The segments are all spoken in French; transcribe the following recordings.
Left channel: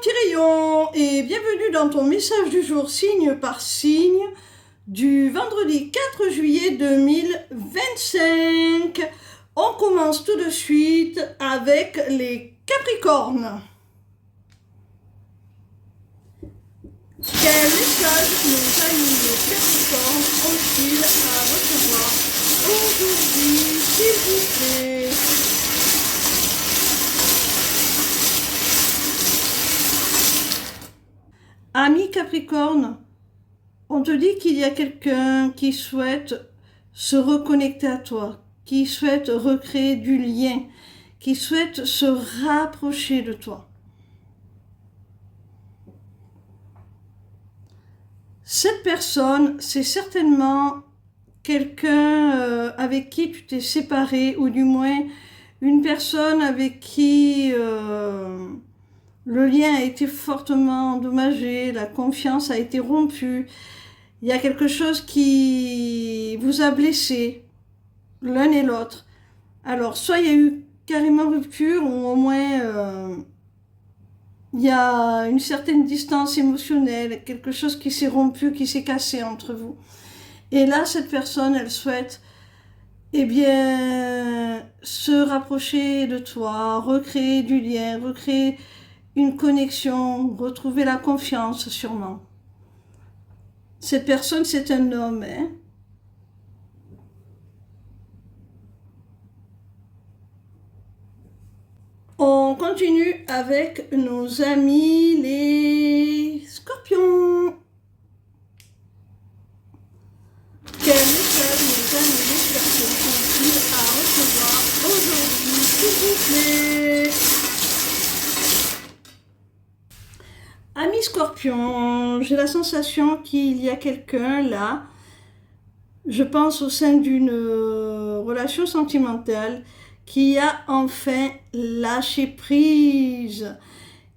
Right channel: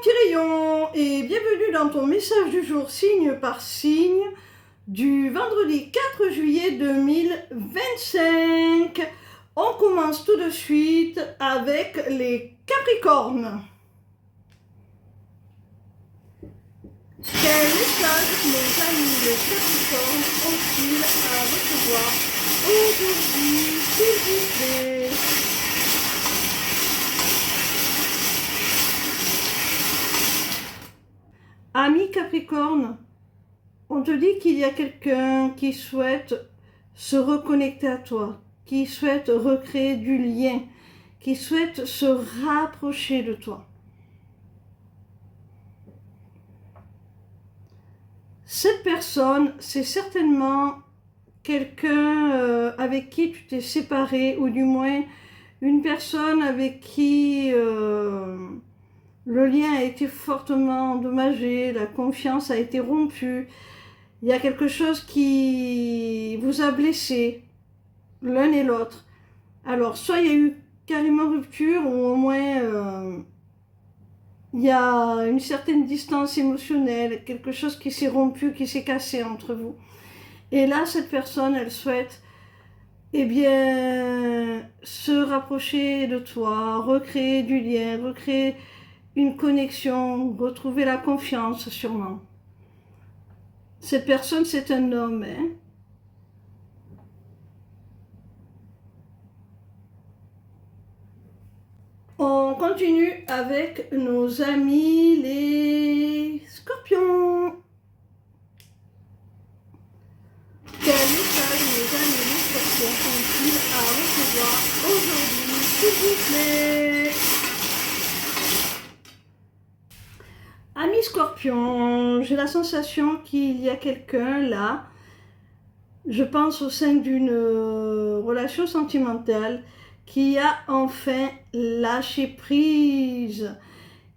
petit rayon et bienvenue dans ton message du jour signe par signe du vendredi 4 juillet 2025. On commence tout de suite avec les Capricornes. Quel message nos amis les Capricornes ont-ils à recevoir aujourd'hui, s'il vous plaît? Ami Capricorne, on te dit qu'il y a quelqu'un qui souhaite se reconnecter à toi, qui souhaite recréer du lien, qui souhaite se rapprocher de toi. Cette personne, c'est certainement quelqu'un avec qui tu t'es séparé, ou du moins une personne avec qui le lien a été fortement endommagé, la confiance a été rompue. Il y a quelque chose qui vous a blessé, l'un et l'autre. Alors, soit il y a eu carrément rupture, ou au moins il y a une certaine distance émotionnelle, quelque chose qui s'est rompu, qui s'est cassé entre vous. Et là, cette personne, elle souhaite, eh bien, se rapprocher de toi, recréer du lien, recréer une connexion, retrouver la confiance sûrement. Cette personne, c'est un homme, hein? On continue avec nos amis les Scorpions. Quel message nos amis les Scorpions ont-ils à recevoir aujourd'hui, s'il vous plaît? Amis Scorpions, j'ai la sensation qu'il y a quelqu'un là, je pense au sein d'une relation sentimentale, qui a enfin lâché prise,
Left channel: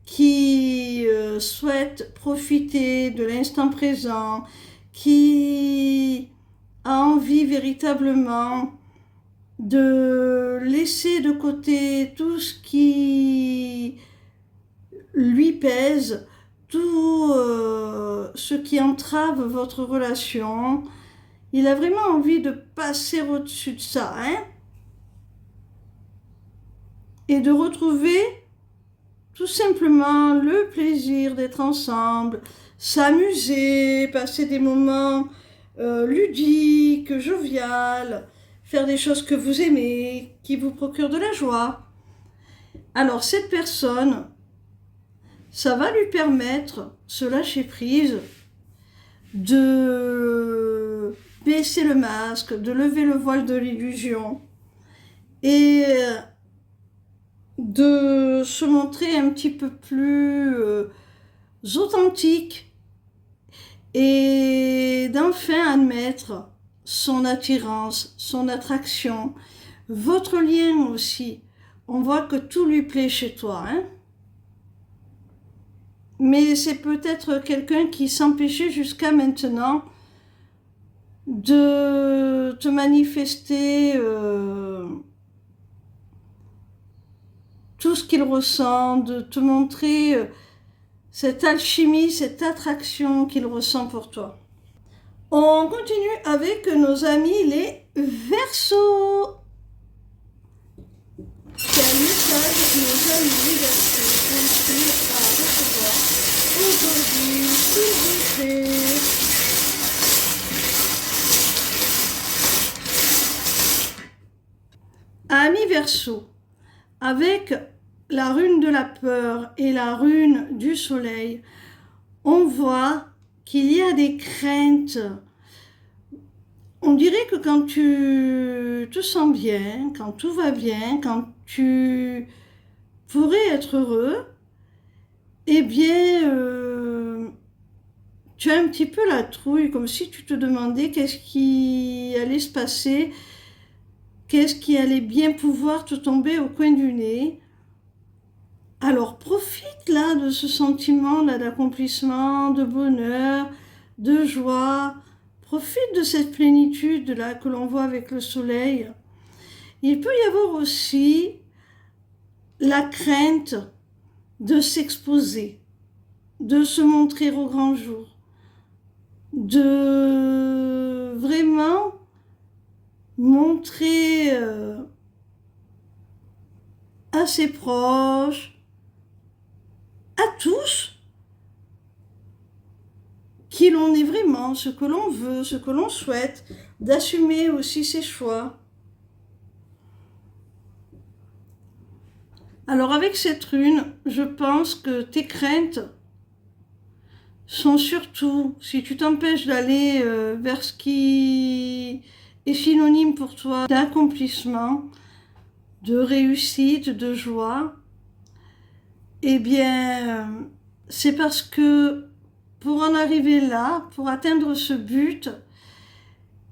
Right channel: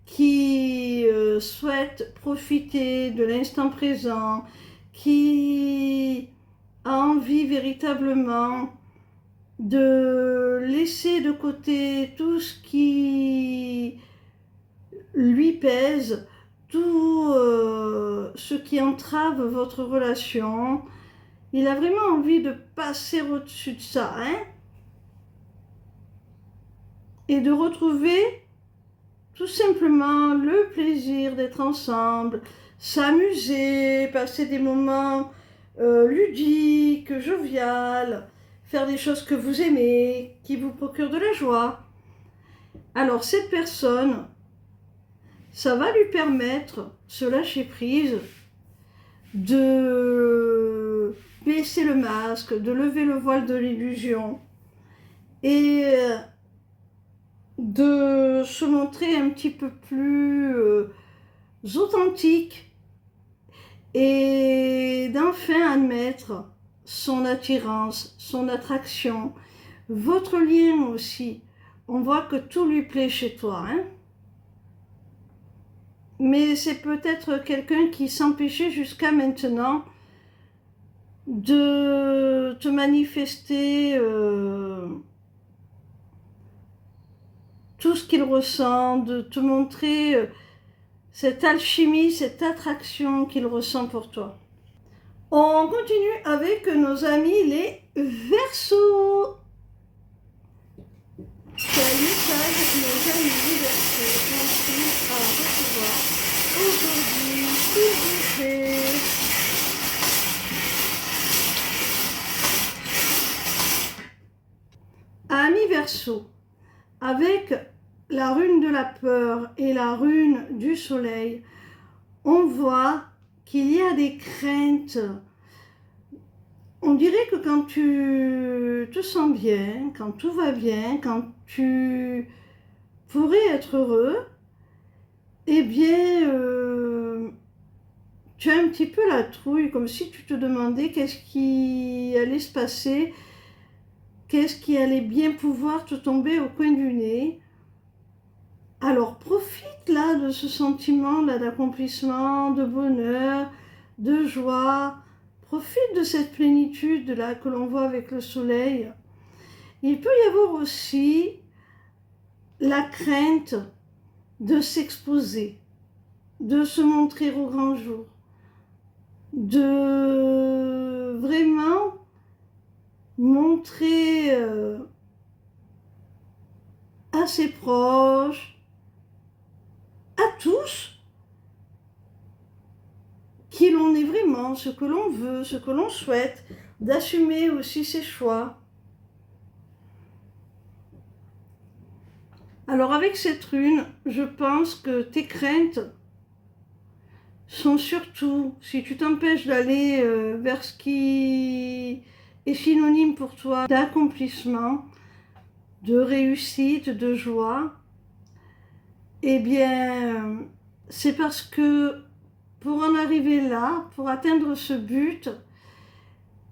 qui souhaite profiter de l'instant présent, qui a envie véritablement de laisser de côté tout ce qui lui pèse, tout ce qui entrave votre relation. Il a vraiment envie de passer au-dessus de ça, hein? Et de retrouver tout simplement le plaisir d'être ensemble, s'amuser, passer des moments ludiques, joviales, faire des choses que vous aimez, qui vous procurent de la joie. Alors cette personne, ça va lui permettre, ce lâcher prise, de baisser le masque, de lever le voile de l'illusion et de se montrer un petit peu plus authentique et d'enfin admettre son attirance, son attraction, votre lien aussi. On voit que tout lui plaît chez toi, hein? Mais c'est peut-être quelqu'un qui s'empêchait jusqu'à maintenant de te manifester tout ce qu'il ressent, de te montrer cette alchimie, cette attraction qu'il ressent pour toi. On continue avec nos amis les Verseaux. Quel message nos amis les Verseaux ont-ils à recevoir aujourd'hui, s'il vous plaît? Amis Verseaux, avec la rune de la peur et la rune du soleil, on voit qu'il y a des craintes. On dirait que quand tu te sens bien, quand tout va bien, quand tu pourrais être heureux, eh bien, tu as un petit peu la trouille, comme si tu te demandais qu'est-ce qui allait se passer, qu'est-ce qui allait bien pouvoir te tomber au coin du nez. Alors profite là de ce sentiment là d'accomplissement, de bonheur, de joie. Profite de cette plénitude là que l'on voit avec le soleil. Il peut y avoir aussi la crainte de s'exposer, de se montrer au grand jour, de vraiment montrer à ses proches, à tous, qui l'on est vraiment, ce que l'on veut, ce que l'on souhaite, d'assumer aussi ses choix. Alors avec cette rune, je pense que tes craintes sont surtout, si tu t'empêches d'aller vers ce qui est synonyme pour toi d'accomplissement, de réussite, de joie, eh bien, c'est parce que pour en arriver là, pour atteindre ce but,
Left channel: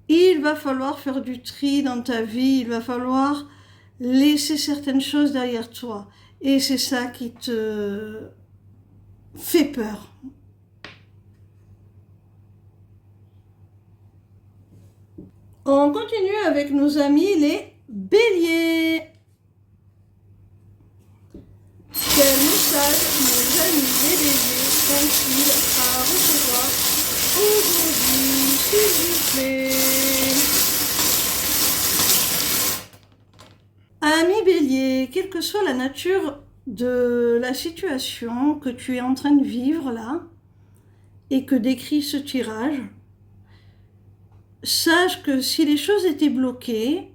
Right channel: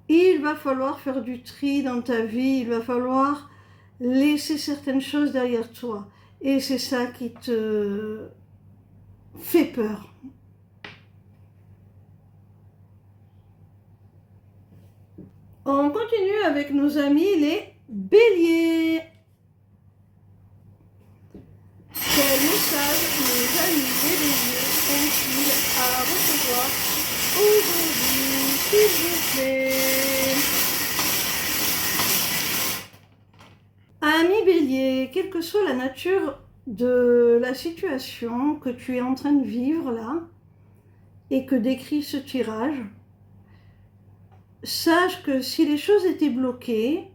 il va falloir faire du tri dans ta vie, il va falloir laisser certaines choses derrière toi. Et c'est ça qui te fait peur. On continue avec nos amis les béliers. Quel message nos amis béliers ont-ils à recevoir aujourd'hui, s'il vous plaît? Ami bélier, quelle que soit la nature de la situation que tu es en train de vivre là et que décrit ce tirage, sache que si les choses étaient bloquées,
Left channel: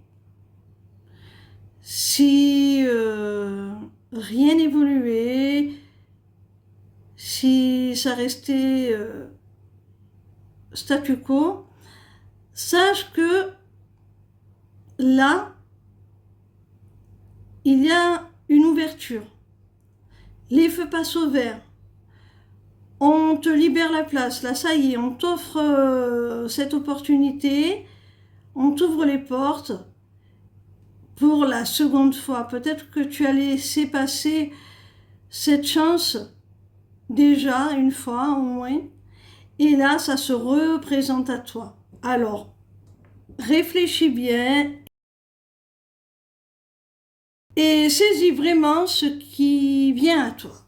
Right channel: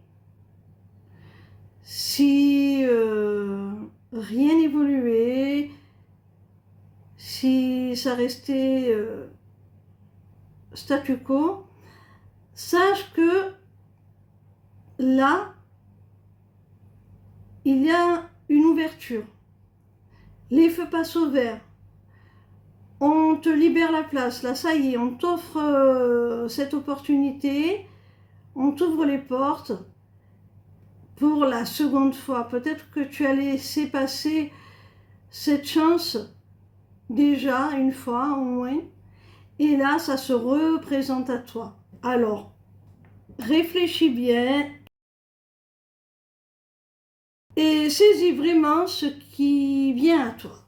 si rien n'évoluait, si ça restait statu quo, sache que là, il y a une ouverture. Les feux passent au vert. On te libère la place. Là, ça y est, on t'offre cette opportunité. On t'ouvre les portes pour la seconde fois. Peut-être que tu as laissé passer cette chance déjà une fois au moins. Et là, ça se représente à toi. Alors, réfléchis bien et saisis vraiment ce qui vient à toi.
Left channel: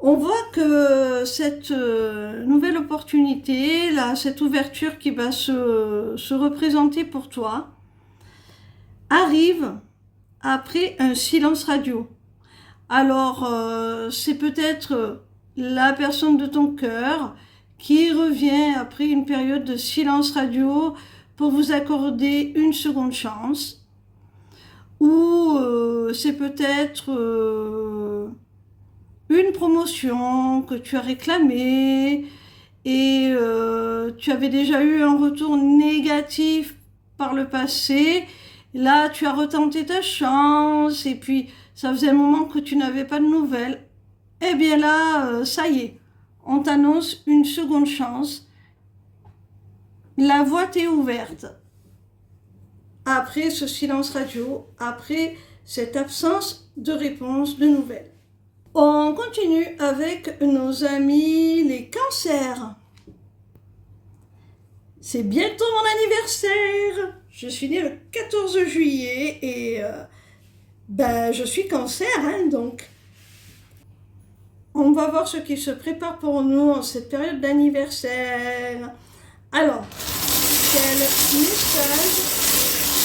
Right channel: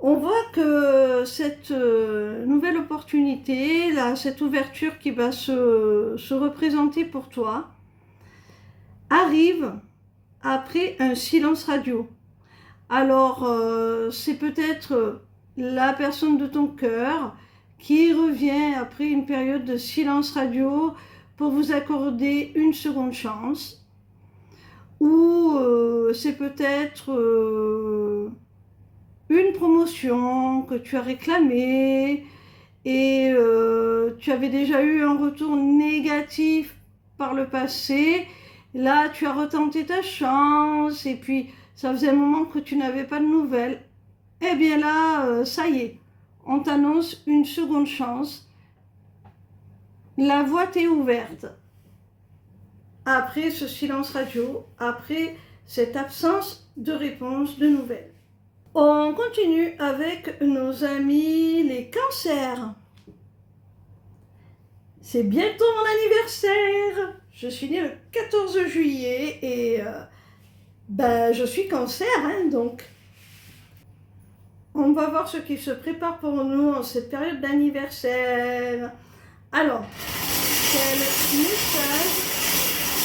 On voit que cette nouvelle opportunité, là, cette ouverture qui va se représenter pour toi, arrive après un silence radio. Alors, c'est peut-être la personne de ton cœur qui revient après une période de silence radio pour vous accorder une seconde chance. Ou c'est peut-être une promotion que tu as réclamée et tu avais déjà eu un retour négatif par le passé. Là, tu as retenté ta chance et puis ça faisait un moment que tu n'avais pas de nouvelles. Eh bien là, ça y est, on t'annonce une seconde chance. La voie t'est ouverte. Après ce silence radio, après cette absence de réponse, de nouvelles. On continue avec nos amis les cancers. C'est bientôt mon anniversaire. Je suis née le 14 juillet et je suis cancer, hein, donc on va voir ce qui se prépare pour nous en cette période d'anniversaire. Alors, quel message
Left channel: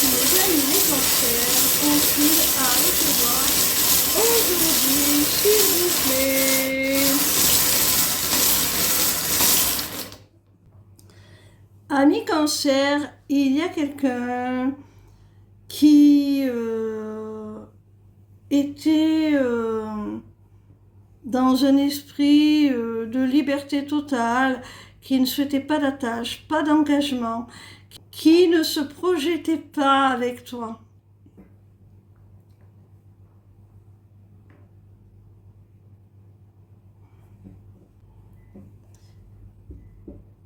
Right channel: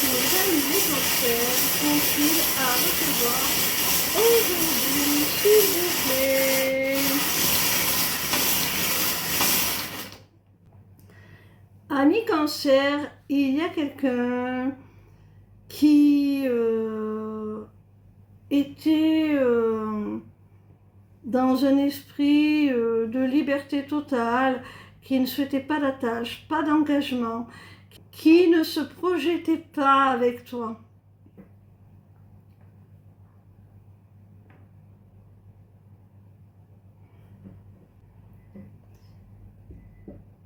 les amis les cancers ont-ils à recevoir aujourd'hui, s'il vous plaît? Ami cancer, il y a quelqu'un qui était dans un esprit de liberté totale, qui ne souhaitait pas d'attache, pas d'engagement, qui ne se projetait pas avec toi.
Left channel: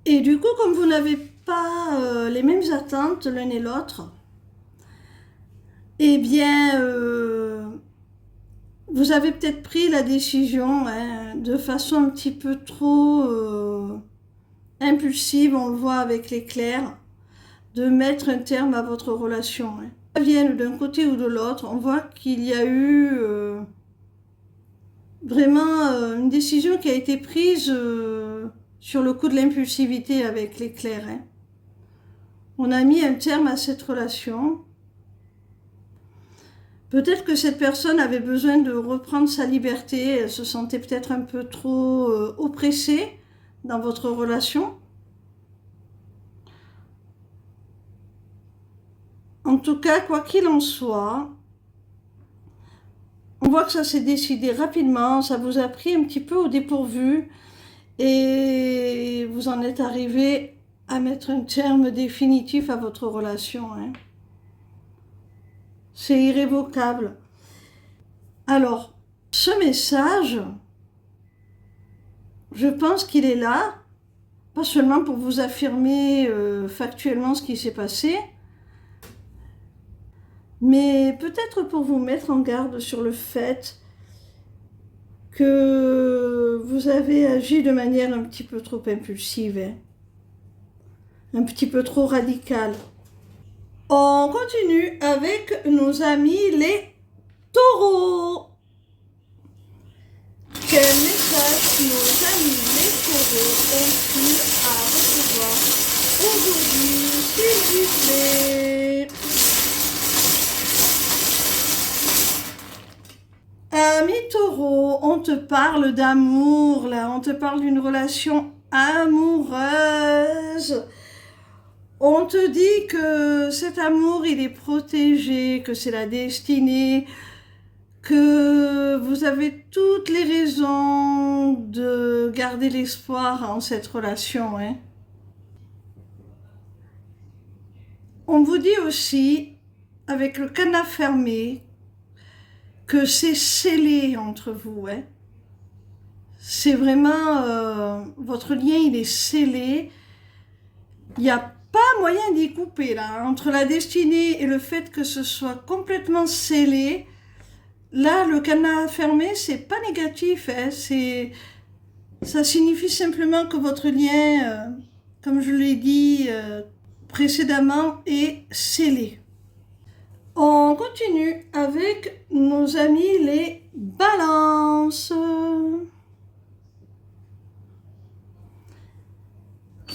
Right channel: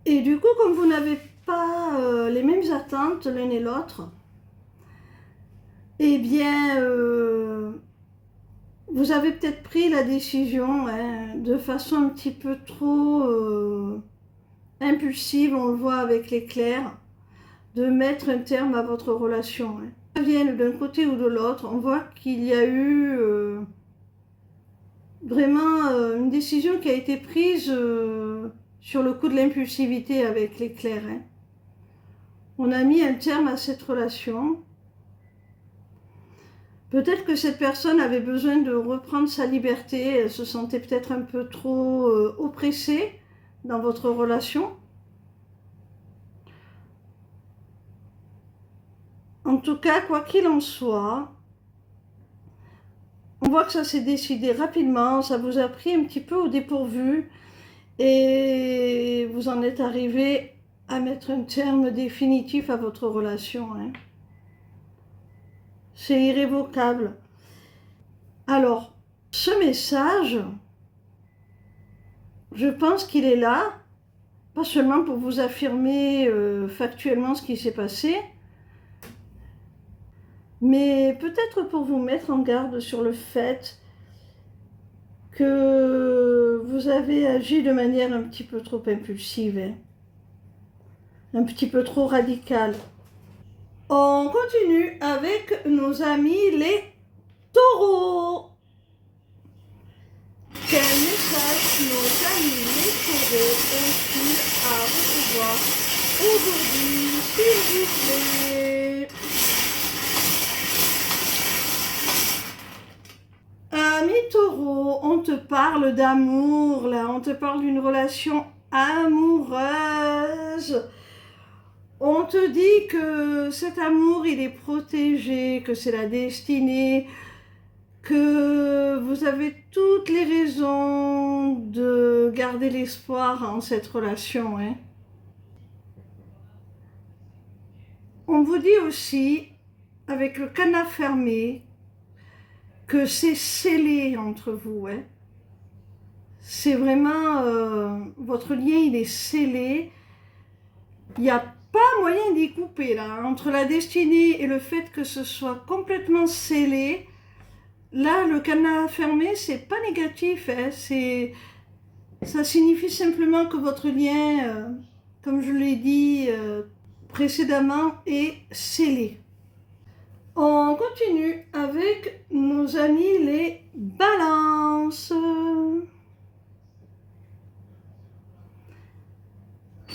Et du coup, comme vous n'avez pas les mêmes attentes l'un et l'autre, eh bien, vous avez peut-être pris la décision de façon un petit peu trop impulsive, on le voit avec l'éclair, de mettre un terme à votre relation. Ça vienne d'un côté ou de l'autre, on voit qu'il y a eu vraiment une décision qui a été prise sur le coup de l'impulsivité avec l'éclair. Hein. On a mis un terme à cette relation. Peut-être que cette personne avait besoin de reprendre sa liberté, elle se sentait peut-être un peu trop oppressée dans votre relation. En tout cas, quoi qu'il en soit, on voit que ça s'est décidé rapidement, ça vous a pris un petit peu au dépourvu et vous en êtes arrivé à mettre un terme définitif à votre relation. Hein. C'est irrévocable. Alors, ce message, je pense qu'il est là, pas seulement pour vous affirmer factuellement ce qui s'est passé, mais peut-être pour vous mettre en garde sur le fait que vous avez agi de manière un petit peu trop impulsive, hein, un petit peu trop radicale. On continue avec nos amis les taureaux. Quel message nos amis les taureaux ont-ils à recevoir aujourd'hui, s'il vous plaît? Ami taureau, on te parle d'amour là, on te parle d'une relation amoureuse. On te dit que cet amour, il est protégé, que c'est la destinée, que vous avez toutes les raisons de garder l'espoir en cette relation. Hein. On vous dit aussi, avec le cadenas fermé, que c'est scellé entre vous. Hein. C'est vraiment, votre lien, il est scellé. Il n'y a pas moyen d'y couper là. Entre la destinée et le fait que ce soit complètement scellé, là, le cadenas fermé, c'est pas négatif. Hein. Ça signifie simplement que votre lien, comme je l'ai dit précédemment, est scellé. On continue avec nos amis les balances.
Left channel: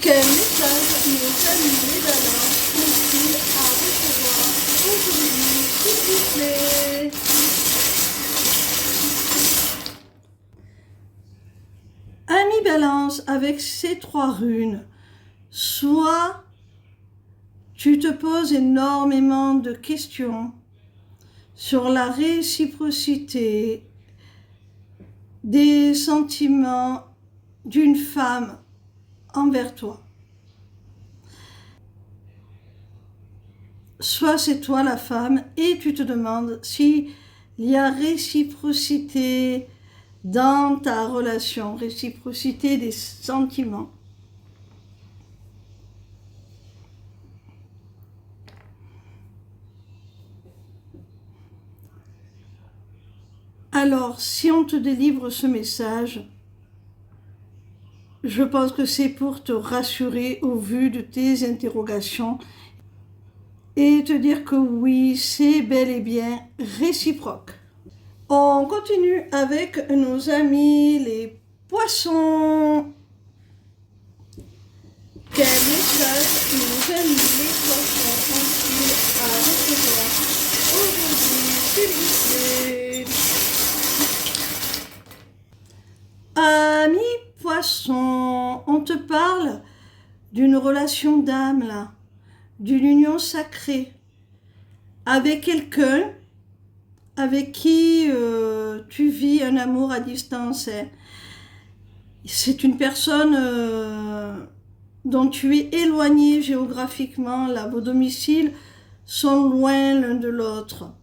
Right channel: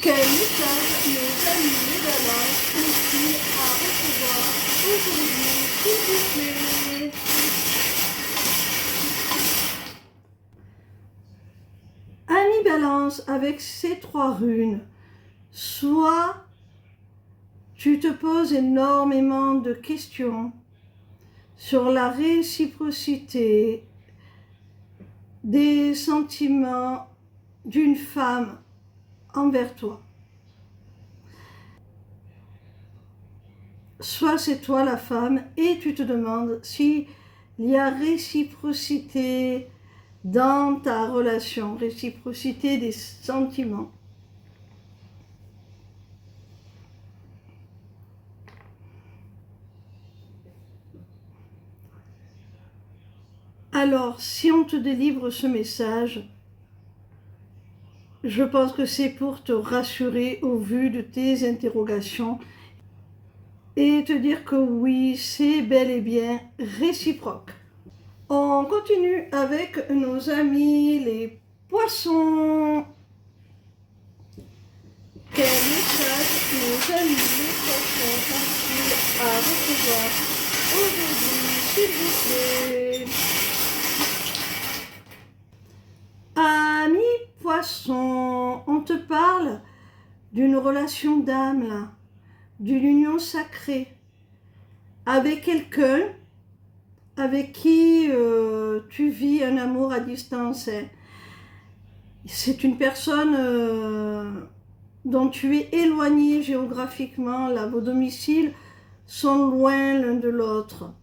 Quel message nos amis les balances ont-ils à recevoir aujourd'hui, s'il vous plaît? Ami balance, avec ces 3 runes, soit tu te poses énormément de questions sur la réciprocité des sentiments d'une femme envers toi. Soit c'est toi la femme et tu te demandes s'il y a réciprocité dans ta relation, réciprocité des sentiments. Alors, si on te délivre ce message, je pense que c'est pour te rassurer au vu de tes interrogations et te dire que oui, c'est bel et bien réciproque. On continue avec nos amis les poissons. Quel message nos amis les poissons ont-ils à recevoir aujourd'hui, s'il vous plaît? Amis poissons, on te parle d'une relation d'âme là, d'une union sacrée avec quelqu'un avec qui tu vis un amour à distance. Hein. C'est une personne dont tu es éloigné géographiquement, là, vos domiciles sont loin l'un de l'autre.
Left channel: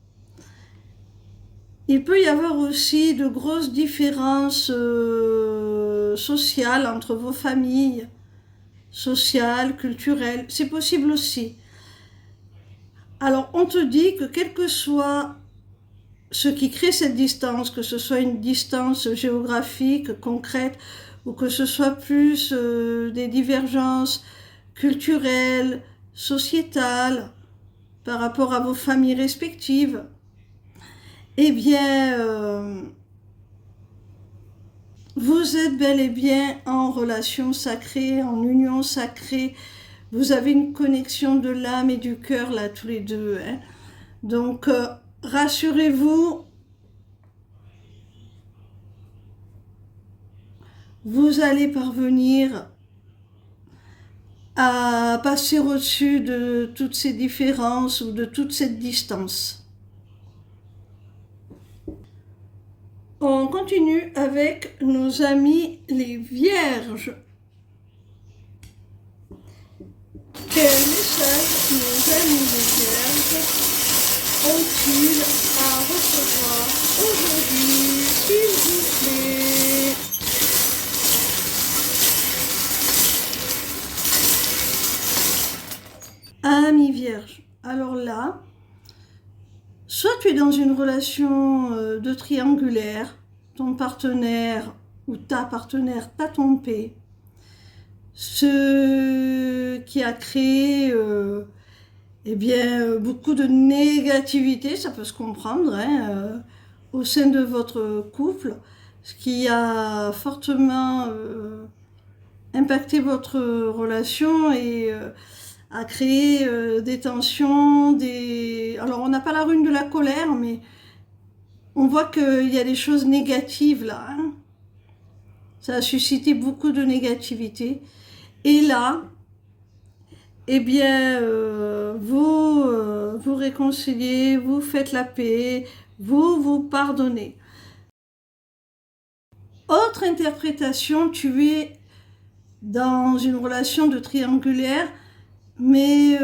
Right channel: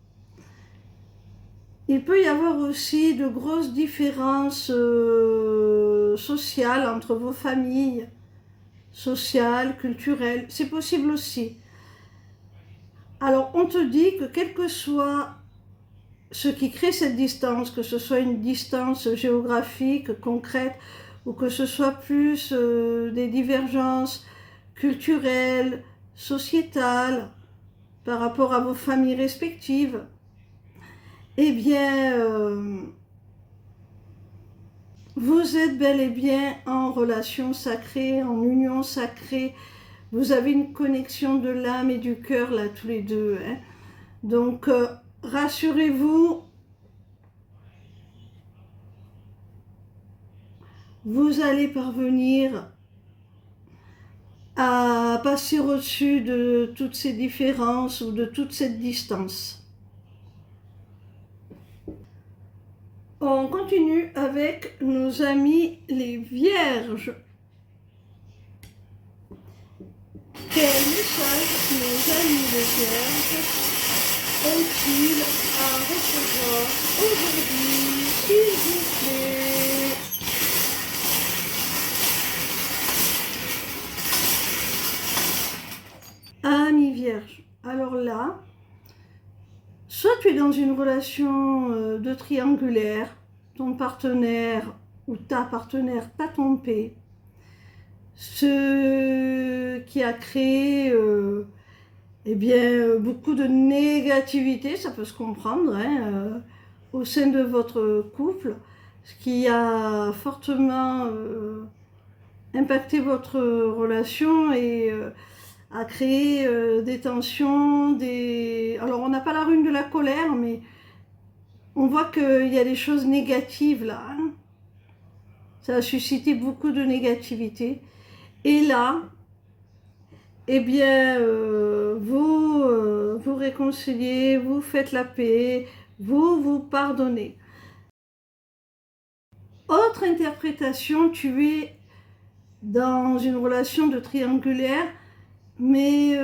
Il peut y avoir aussi de grosses différences sociales entre vos familles, sociales, culturelles, c'est possible aussi. Alors on te dit que quel que soit ce qui crée cette distance, que ce soit une distance géographique, concrète, ou que ce soit plus des divergences culturelles, sociétales, par rapport à vos familles respectives, eh bien, vous êtes bel et bien en relation sacrée, en union sacrée. Vous avez une connexion de l'âme et du cœur là tous les deux, hein. Donc rassurez-vous, vous allez parvenir à passer au-dessus de toutes ces différences ou de toute cette distance. On continue avec nos amis les vierges. Quel message nos amis les vierges ont-ils à recevoir aujourd'hui, s'il vous plaît? Amis vierges, alors là, soit tu es dans une relation de triangulaire, ton partenaire ou ta partenaire t'a trompé, ce qui a créé beaucoup de négativité, ça peut se comprendre, hein, au sein de votre couple, ce qui a fortement impacté votre relation et a créé des tensions, Alors on n'a pas la rune de la colère, mais on voit qu'il y a des choses négatives là, hein. Ça a suscité beaucoup de négativité. Et là, vous réconciliez, vous faites la paix, vous pardonnez. Autre interprétation, tu es dans une relation de triangulaire, mais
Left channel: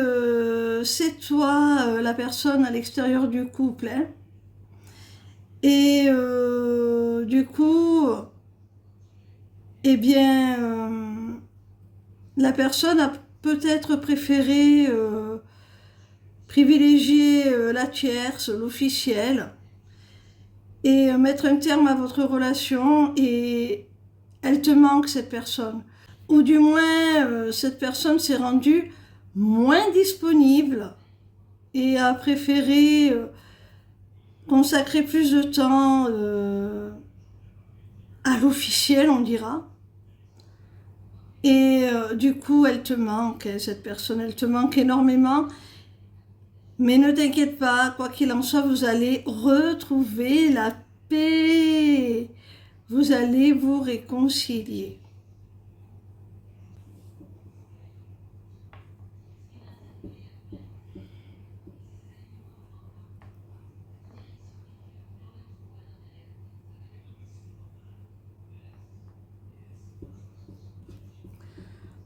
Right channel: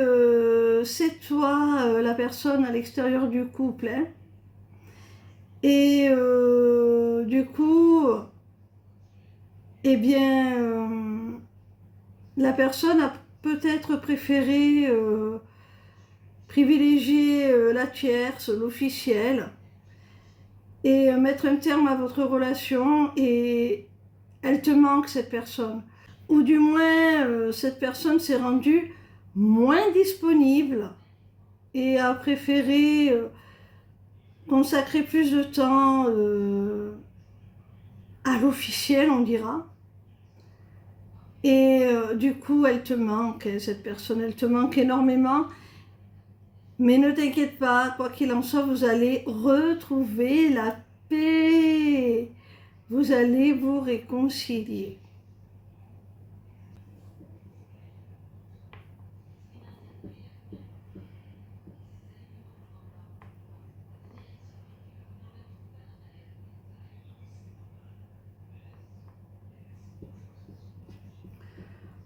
c'est toi la personne à l'extérieur du couple, hein. Et du coup, la personne a peut-être préféré privilégier la tierce, l'officiel, et mettre un terme à votre relation, et elle te manque, cette personne. Ou du moins, cette personne s'est rendue moins disponible et a préféré consacrer plus de temps à l'officiel, on dira. Et du coup, elle te manque, cette personne, elle te manque énormément. Mais ne t'inquiète pas, quoi qu'il en soit, vous allez retrouver la paix. Vous allez vous réconcilier.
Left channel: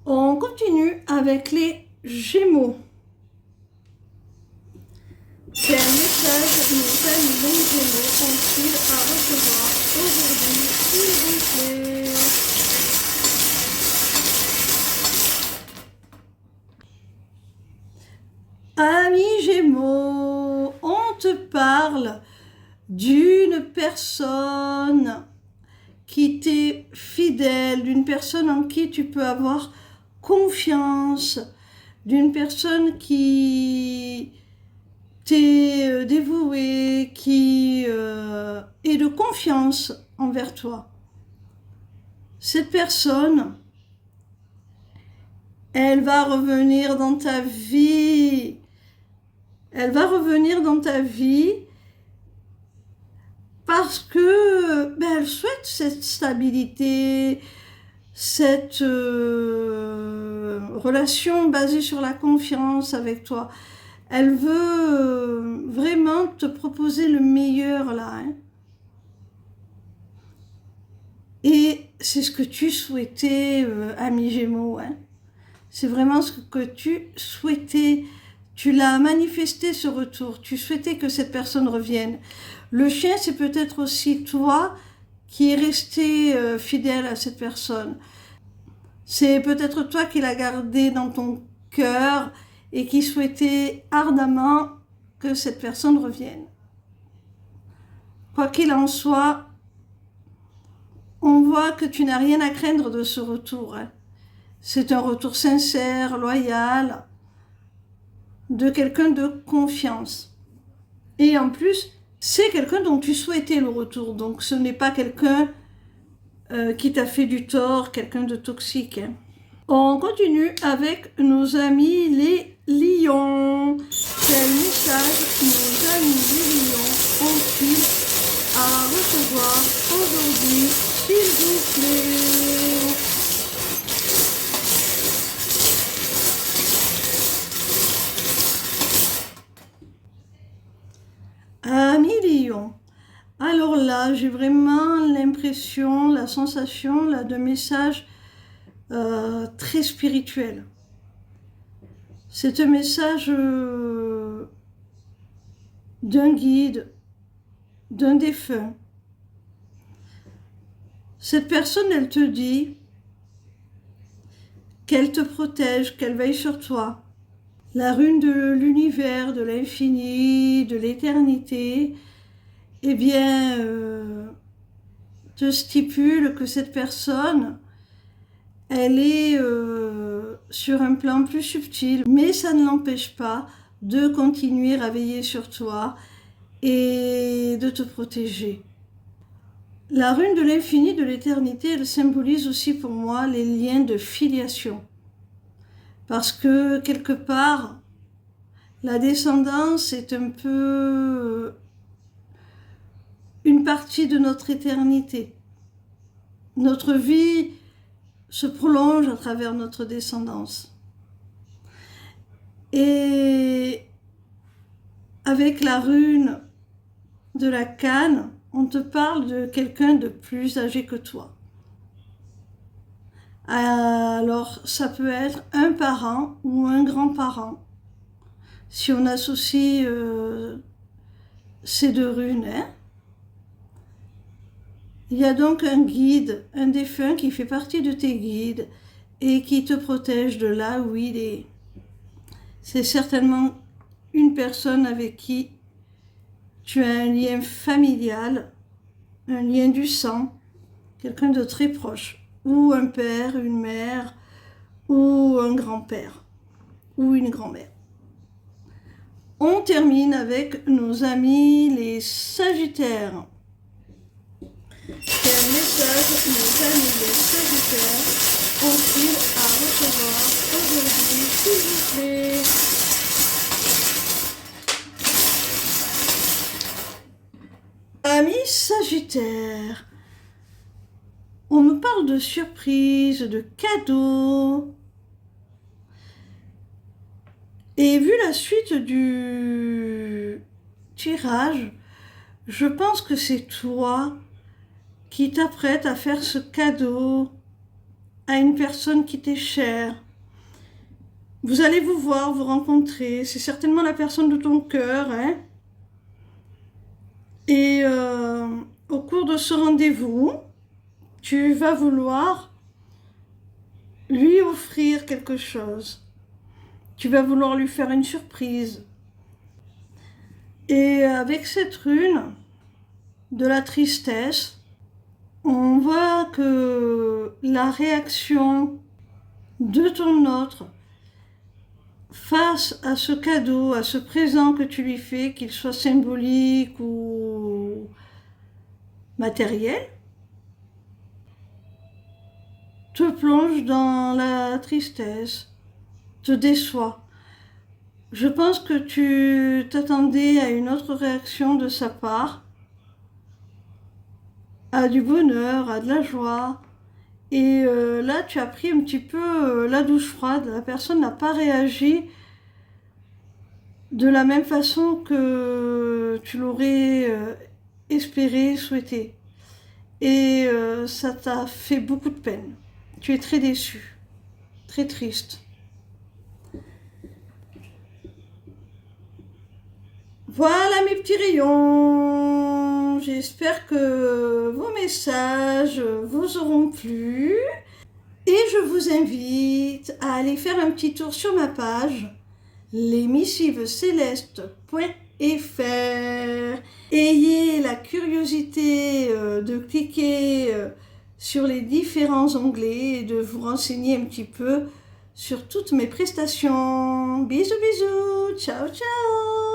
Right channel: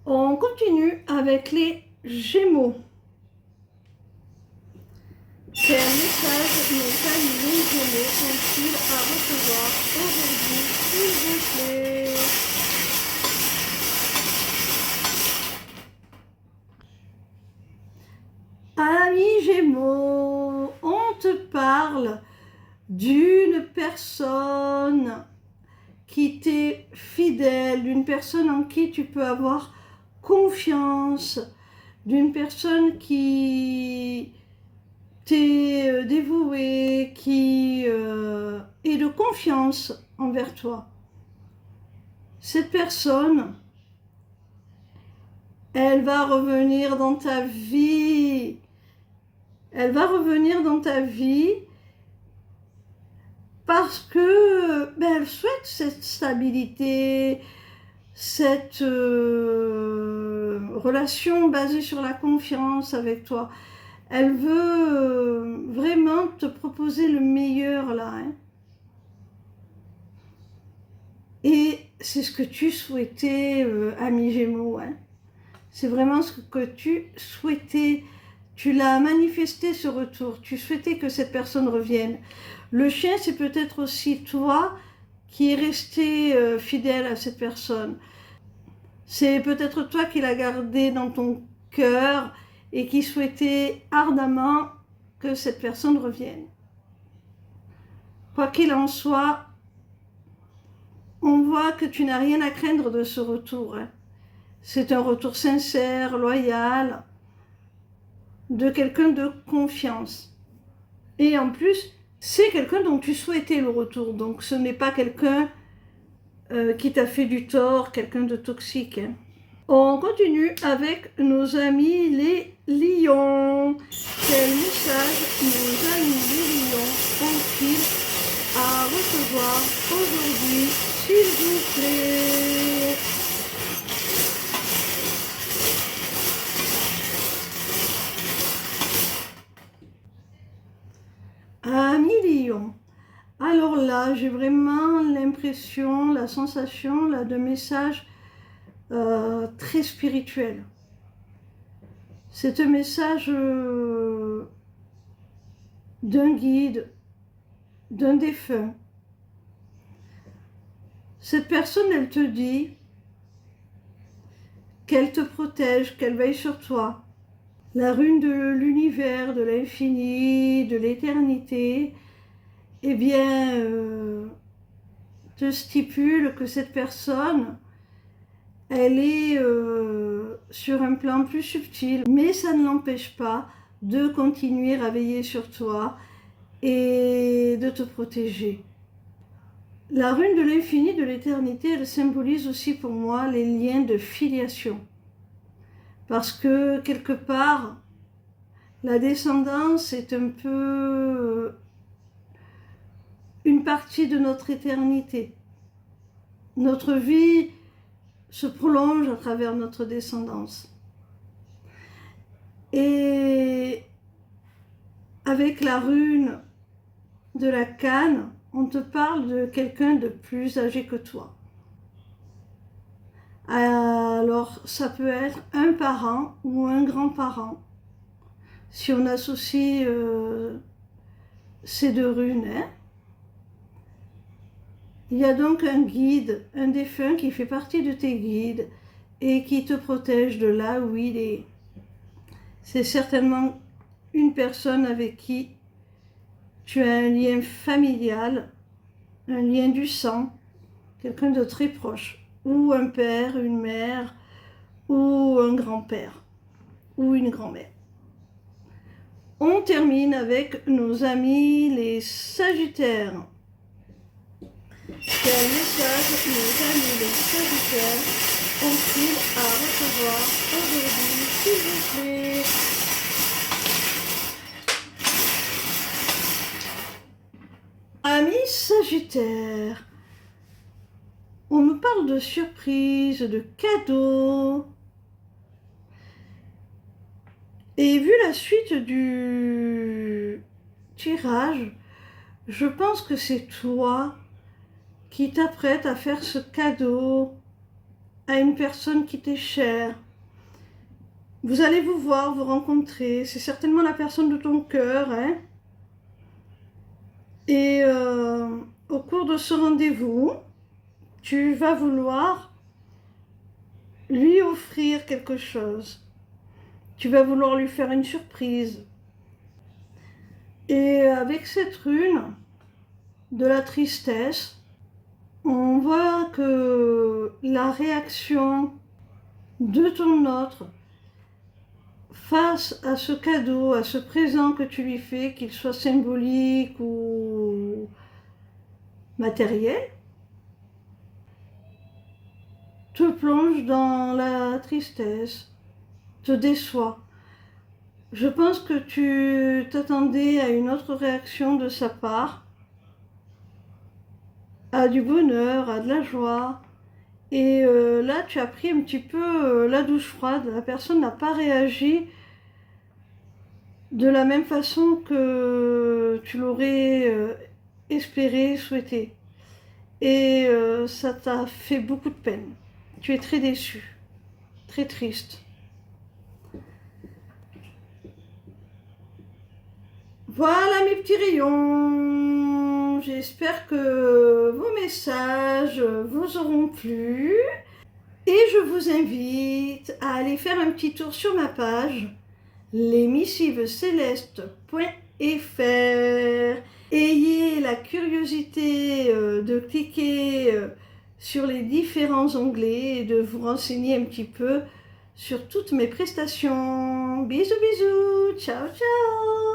On continue avec les Gémeaux. Quel message nos amis les Gémeaux ont-ils à recevoir aujourd'hui, s'il vous plaît? Amis Gémeaux, on te parle d'une personne qui t'est fidèle, d'une personne en qui tu peux avoir confiance, d'une personne qui t'est dévouée, qui est de confiance envers toi. Cette personne, elle va revenir dans ta vie. Elle va revenir dans ta vie parce que elle souhaite cette stabilité, cette relation basée sur la confiance avec toi. Elle veut vraiment te proposer le meilleur là, hein. Et c'est ce que tu souhaitais, ami Gémeaux, hein. C'est vraiment ce que tu souhaitais. Tu l'as manifesté, ce retour. Tu souhaitais que cette personne revienne. Le chien, c'est peut-être aussi toi qui es resté fidèle à cette personne. C'est peut-être toi qui l'as gardé dans ton cœur et qui souhaitait ardemment que cette personne revienne. Quoi qu'il en soit, on voit que tu n'as rien à craindre de ce retour, hein. C'est un retour sincère, loyal, de quelqu'un de confiance. Et en plus, c'est quelqu'un dont tu souhaitais le retour. Donc ce n'est pas quelqu'un qui t'a fait du tort, quelqu'un de toxique, hein. On continue avec nos amis les lions. Quel message nos amis les lions ont-ils à recevoir aujourd'hui, s'il vous plaît? Amis lions. Alors là, j'ai vraiment l'impression, la sensation là, de message très spirituel. C'est un message d'un guide, d'un défunt. Cette personne, elle te dit qu'elle te protège, qu'elle veille sur toi. La rune de l'univers, de l'infini, de l'éternité, eh bien, te stipule que cette personne, elle est sur un plan plus subtil, mais ça ne l'empêche pas de continuer à veiller sur toi et de te protéger. La rune de l'infini, de l'éternité, elle symbolise aussi pour moi les liens de filiation. Parce que quelque part, la descendance est un peu une partie de notre éternité. Notre vie se prolonge à travers notre descendance. Et avec la rune de la canne, on te parle de quelqu'un de plus âgé que toi. Alors, ça peut être un parent ou un grand-parent. Si on associe ces deux runes, hein. Il y a donc un guide, un défunt qui fait partie de tes guides et qui te protège de là où il est. C'est certainement une personne avec qui tu as un lien familial, un lien du sang, quelqu'un de très proche, ou un père, une mère, ou un grand-père, ou une grand-mère. On termine avec nos amis les Sagittaires. Quel message nos amis les Sagittaires ont-ils à recevoir aujourd'hui, s'il vous plaît? Amis Sagittaires, on me parle de surprises, de cadeaux. Et vu la suite du tirage, je pense que c'est toi qui t'apprête à faire ce cadeau à une personne qui t'est chère. Vous allez vous voir, vous rencontrer, c'est certainement la personne de ton cœur, hein. Et au cours de ce rendez-vous, tu vas vouloir lui offrir quelque chose. Tu vas vouloir lui faire une surprise. Et avec cette rune de la tristesse, on voit que la réaction de ton autre face à ce cadeau, à ce présent que tu lui fais, qu'il soit symbolique ou matériel, te plonge dans la tristesse, te déçoit. Je pense que tu t'attendais à une autre réaction de sa part, à du bonheur, à de la joie. Et là, tu as pris un petit peu la douche froide. La personne n'a pas réagi de la même façon que tu l'aurais espéré, souhaité. Et ça t'a fait beaucoup de peine. Tu es très déçu, très triste. Voilà mes petits rayons. J'espère que vos messages vous auront plu. Et je vous invite à aller faire un petit tour sur ma page lesmissivescélestes.fr. Ayez la curiosité de cliquer sur les différents onglets et de vous renseigner un petit peu sur toutes mes prestations. Bisous, bisous, ciao, ciao.